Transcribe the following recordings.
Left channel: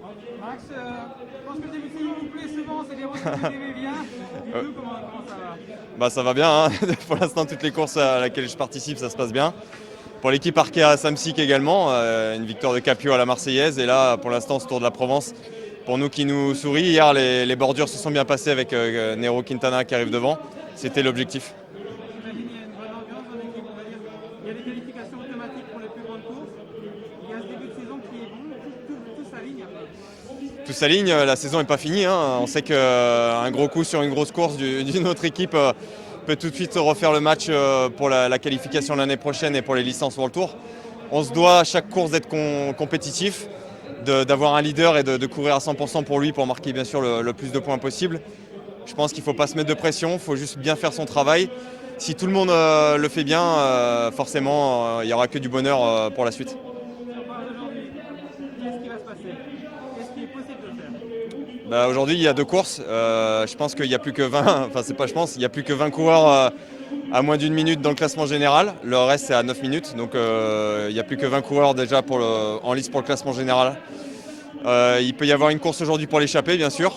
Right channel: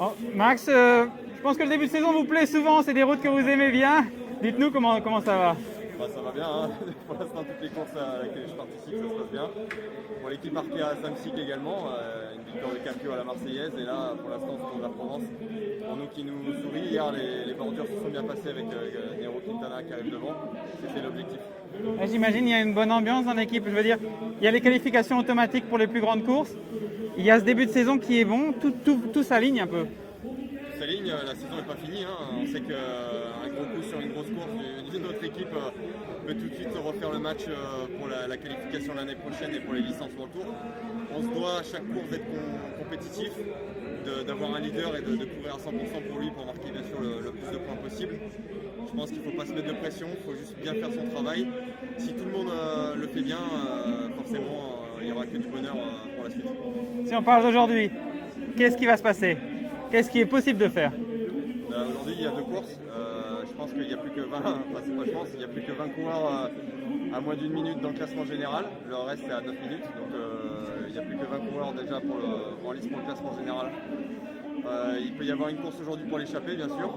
Oh, Max, je pense que le début de saison vous plaît souvent, c'est des routes que vous aimez bien. Dites-nous comment ça va. Bah, ça va bien, hein. Pour l'instant, toutes les courses à laquelle je participe, ça se passe bien. Pour l'équipe Arkea Samsic également, une victoire de Capio à la Marseillaise. Et là, pour l'instant, ce Tour de la Provence, pour nous qui nous sourit. Hier, les bordures se sont bien passées avec Nero Quintana qui arrive devant. C'était l'objectif. J'imagine il y a une bonne ambiance dans l'équipe. Je veux dire, il y a les qualifications automatiques pour les plus grandes courses. Il y a ce début de saison qui est bon, tout s'aligne un peu. Tout s'aligne, la saison n'est pas finie, hein. On sait qu'un gros coup sur une grosse course d'une autre équipe peut tout de suite refaire le match pour la qualification l'année prochaine et pour les licences World Tour. On se doit à chaque course d'être compétitif, d'avoir un leader et de courir à 100% pour lui pour marquer bien sûr le plus de points possible. Je pense qu'il ne faut pas se mettre de pression, il faut juste bien faire son travail. Si tout le monde le fait bien, forcément, il n'y aura que du bonheur pour la suite. Si on parle d'aujourd'hui, qu'est-ce qui va se passer? Qu'est-ce qui est possible de faire? Bah, aujourd'hui, il y a deux courses. Je pense qu'il n'y a plus que 20, enfin c'est pas je pense, il y a plus que 20 coureurs à moins d'une minute dans le classement général. Le reste, c'est à 9 minutes. Donc il n'y a plus que 20 coureurs déjà en lice pour le classement général. Il peut y avoir une course aujourd'hui pour l'échappée, bien sûr.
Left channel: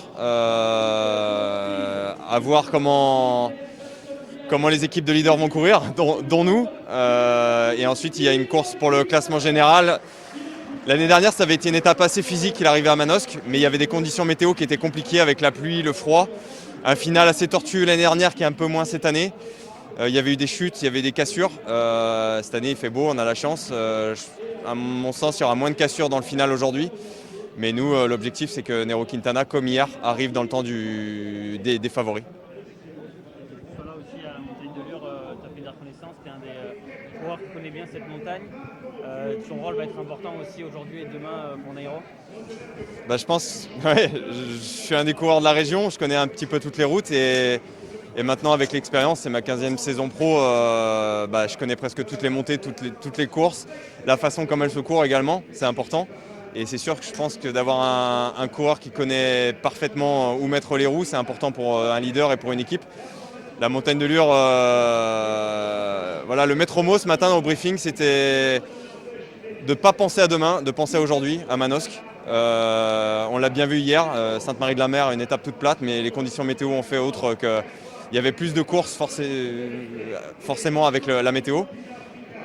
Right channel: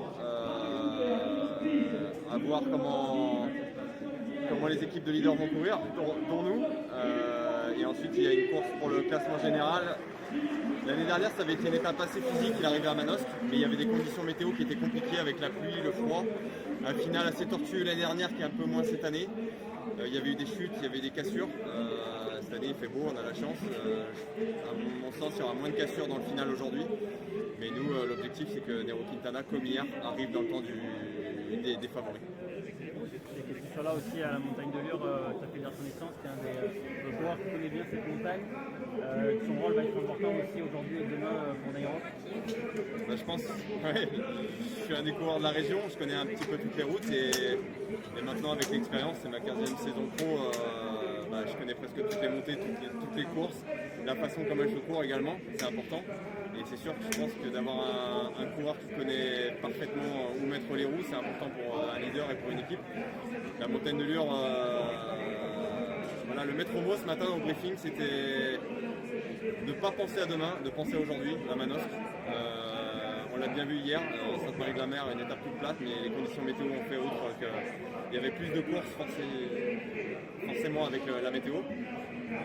À voir comment les équipes de leaders vont courir, dont nous. Et ensuite, il y a une course pour le classement général. L'année dernière, ça avait été une étape assez physique, il arrivait à Manosque, mais il y avait des conditions météo qui étaient compliquées avec la pluie, le froid. Un final assez tortueux l'année dernière qui est un peu moins cette année. Il y avait eu des chutes, il y avait des cassures. Cette année, il fait beau, on a la chance. À mon sens, il y aura moins de cassures dans le final aujourd'hui. Mais nous, l'objectif, c'est que Nero Quintana, comme hier, arrive dans le temps des favoris. Sur là aussi à la montagne de Lure, tu as fait de la reconnaissance, tu es un des joueurs qui connaît bien cette montagne. Son rôle va être important aussi aujourd'hui et demain pour Nairo. Bah, je pense, ouais, je suis un des coureurs de la région, je connais un petit peu toutes les routes et maintenant avec l'expérience, c'est ma 15e saison pro, bah, je connais presque toutes les montées, toutes les courses, la façon comme elles se courent également, c'est important. Et c'est sûr que je pense que d'avoir un coureur qui connaît parfaitement où mettre les roues, c'est important pour un leader et pour une équipe. La montagne de Lure, voilà, le maître mot ce matin au briefing, c'était de ne pas penser à demain, de penser à aujourd'hui, à Manosque. On l'a bien vu hier, Sainte-Marie-de-la-Mer, une étape toute plate, mais les conditions météo ont fait autre que. Il y avait plus de courses forcément avec la météo.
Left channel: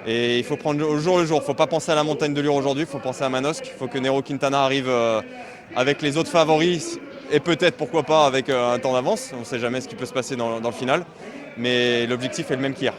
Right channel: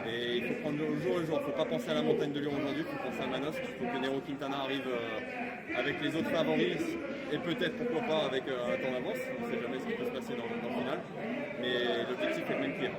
Et il faut prendre au jour le jour. Il ne faut pas penser à la montagne de Lure aujourd'hui, il faut penser à Manosque. Il faut que Nero Quintana arrive avec les autres favoris et peut-être, pourquoi pas, avec un temps d'avance. On ne sait jamais ce qui peut se passer dans le final. Mais l'objectif est le même qu'hier.